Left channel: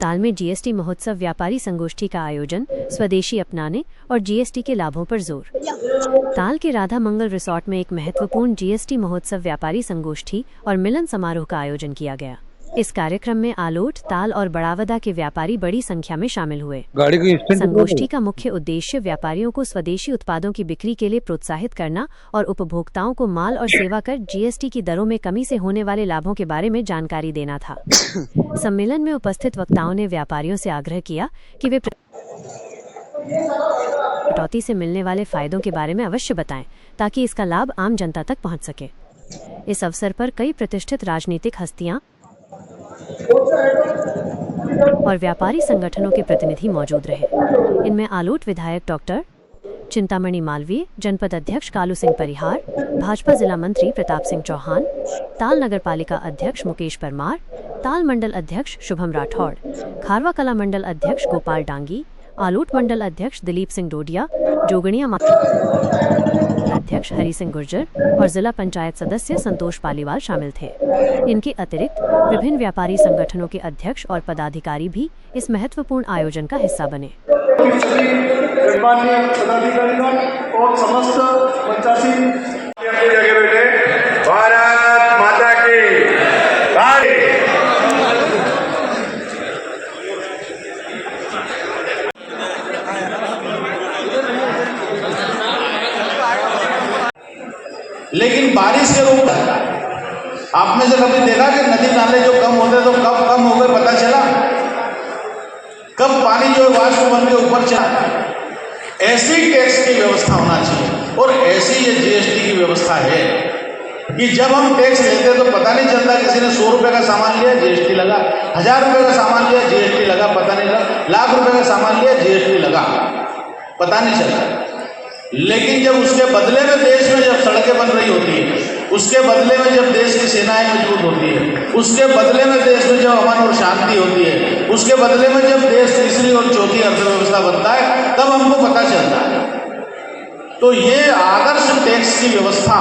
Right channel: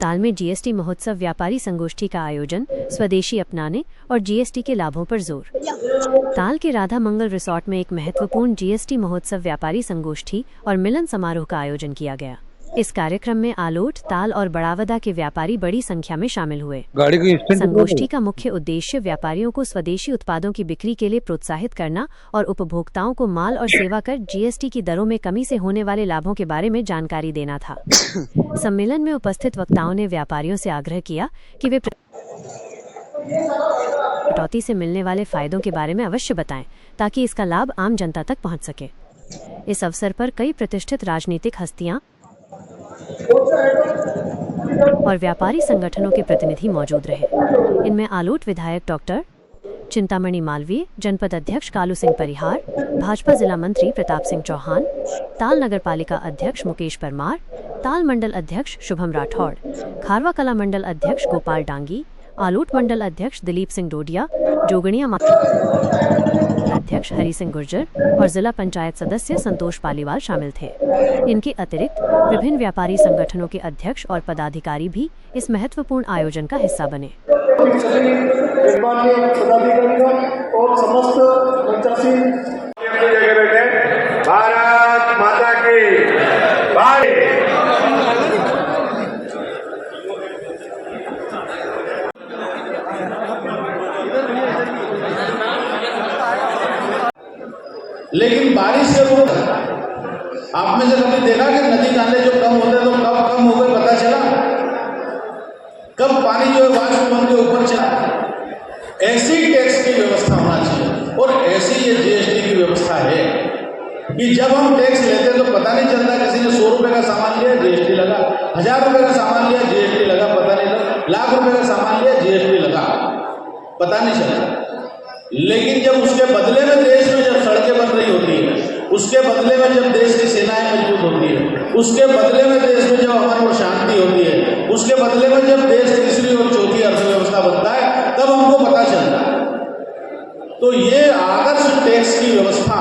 ताल में जीएसटी महोत्सव व्यापारी संगोष्ठी का आयोजन, स्वदेशी अपनाने और जीएसटी के लाभों पर जोर। ताल के राधा मंगल रिसोर्ट में एक महत्वपूर्ण जीएसटी महोत्सव व्यापारी संगोष्ठी और मिलन समारोह का आयोजन किया गया। इस कार्यक्रम में आलोट, ताल और बड़ावदा के व्यापारी बड़ी संख्या में शामिल हुए। संगोष्ठी का मुख्य उद्देश्य व्यापारियों को स्वदेशी उत्पादों की बिक्री के लिए प्रोत्साहित करना और उपभोक्ताओं को माल और सेवा कर जीएसटी की दरों में कमी से होने वाले लाभों के बारे में जानकारी देना था। सम्मेलन में उपस्थित वक्ताओं ने व्यापारियों से आग्रह किया कि वे कटौती से मिलने वाले फायदों के बारे में अवश्य बताएं, ताकि इसका लाभ आम जनता तक पहुंच सके। इस अवसर पर कई प्रतिष्ठित राजनीतिक हस्तियां और व्यापारी संगठनों के प्रतिनिधि मौजूद रहे। इनमें आलोट विधायक डॉक्टर चिंतामणि मालवीय, जनपद अध्यक्ष कालू सिंह परिहार, भाजपा जिला मंत्री प्रताप सिंह चौहान, ताल नगर पालिका अध्यक्ष मुकेश परमार, ताल मंडल अध्यक्ष शुभम राठौड़, खारवा कला मंडल अध्यक्ष गोपाल डांगी, आलोट मंडल अध्यक्ष दिलीप सिंह डोडिया, जोगणिया अध्यक्ष हरि सिंह गुर्जर और जिला पंचायत सदस्य संतोष पालीवाल शामिल थे। इनके अतिरिक्त विभिन्न व्यापारी संगठनों के अध्यक्ष और पदाधिकारी भी इस महत्वपूर्ण आयोजन का हिस्सा बने। लेकिन बारिश के रूप आपने जब कभी देखा कि नदी नाले जो कम होते तो कब कम हो गए पता चला, कब पानी जो वाष्पमंडल के ऊपर चला। ऐसी टैक्स की व्यवस्था होना चाहिए और ऐसी ये जीएसटी की व्यवस्था है कि जब हम टैक्स लेते तो पता नहीं चलता, किसी ने 100 रुपये का सामान लिया जीएसटी लगा, 1000 रुपये का सामान लिया जीएसटी लगा, पता नहीं लगा, लाख रुपये का सामान लिया जीएसटी लगा, पता नहीं चलता। लेकिन जब उसके बदले में देश में जब सड़कें बन रही होती है, उसके बदले में जब देश की सेनाएं मजबूत होती है, उसके बदले में देश में जब अमन और शांति होती है, उसके बदले में जब देश तीसरी और चौथी अर्थव्यवस्था बनता है, तब हमको पता चलता है। तो ये आदर्श टैक्स की व्यवस्था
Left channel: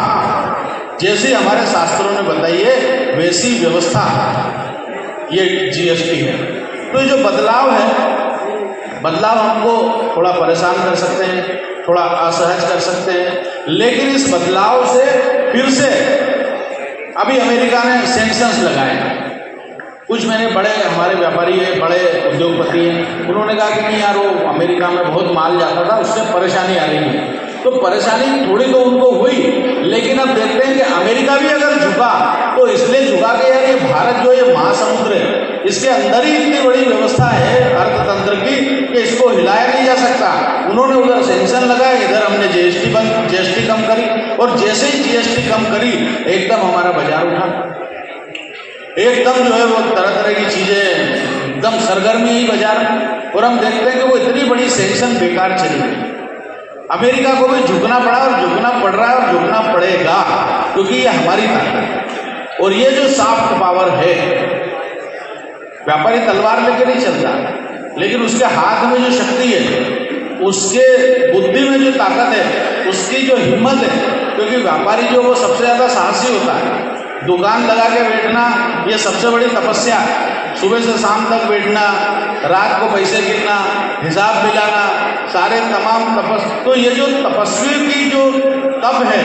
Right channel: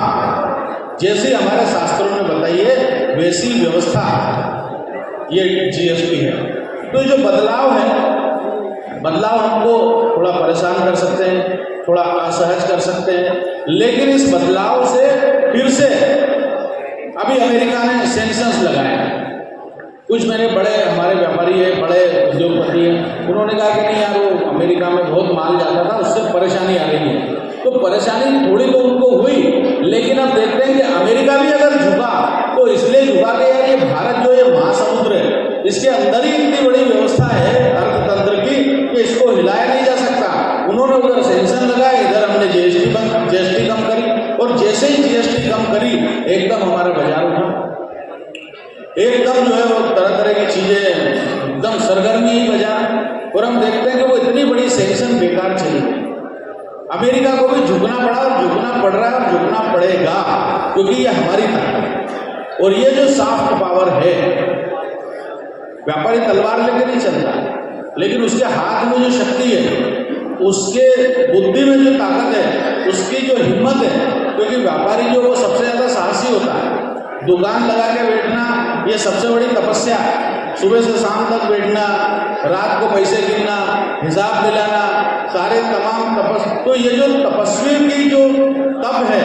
जैसे हमारे शास्त्रों ने बताई है, वैसी व्यवस्था ये जीएसटी है। तो जो बदलाव है, बदलाव हमको थोड़ा परेशान कर सकते हैं, थोड़ा असहज कर सकते हैं, लेकिन इस बदलाव से फिर से अभी अमेरिका ने सैंक्शंस लगाए। कुछ मेरे बड़े हमारे व्यापारी हैं, बड़े उद्योगपति हैं, उन्होंने कहा कि नहीं यार, वो अमेरिका में बहुत माल जाता था, उससे परेशानी आ रही है। तो परेशानी थोड़ी तो उनको हुई, लेकिन अब देखते हैं कि अमेरिका भी अगर झुका तो इसलिए झुका कि यार ये भारत जो ये महासमुद्र है, इसके अंदर ही इतनी बड़ी व्यवस्था है अर्थतंत्र की कि इसको हिलाया नहीं जा सकता। उन्होंने उधर सेंक्शन लगाया, इधर हमने जीएसटी कम करी, और जैसे ही जीएसटी कम करी एकदम हमारा बाजार उठा, एकदम जो है वो तरह तरह की चीजें एकदम सरगर्मी ही बाजार। और हम देखते हैं कि वो इतनी बड़ी सेंक्शन बेकार चली गई। अमेरिका को भी झुकना पड़ा और झुकना पड़ रहा है और झुकना पड़ेगा, क्योंकि ये हमारी ताकत है। और ये जो सॉफ्ट पावर है, व्यापारी तलवार लेके नहीं चलता, लेकिन उसके हाथ में जो शक्ति है, उसके बुद्धि में जो ताकत है, उसकी जो हिम्मत है, क्योंकि व्यापारी जो वो सबसे ज़्यादा साहसी होता है। दुकान लगा के बैठना ये सबसे बड़ी तपस्या, सुबह से शाम तक बैठना, रात को पैसे गिनना, हिसाब मिलाना, सारे तमाम तो ये जो तपस्वी की जो तप है,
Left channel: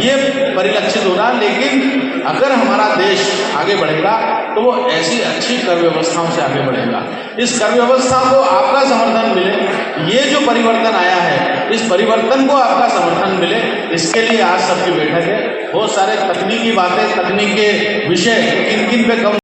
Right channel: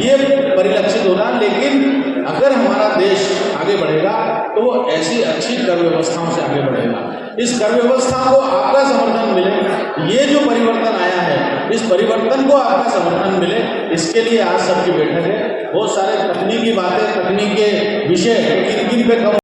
ये परिलक्षित होना। लेकिन अगर हमारा देश आगे बढ़ेगा तो वो ऐसी अच्छी कर व्यवस्थाओं से आगे बढ़ेगा। इस कर व्यवस्था को आपका समर्थन मिले, ये जो परिवर्तन आया है, इस परिवर्तन को आपका समर्थन मिले, इसके लिए आज सबकी बैठक है। बहुत सारे तकनीकी बातें, तकनीक के विषय किन किन पे कम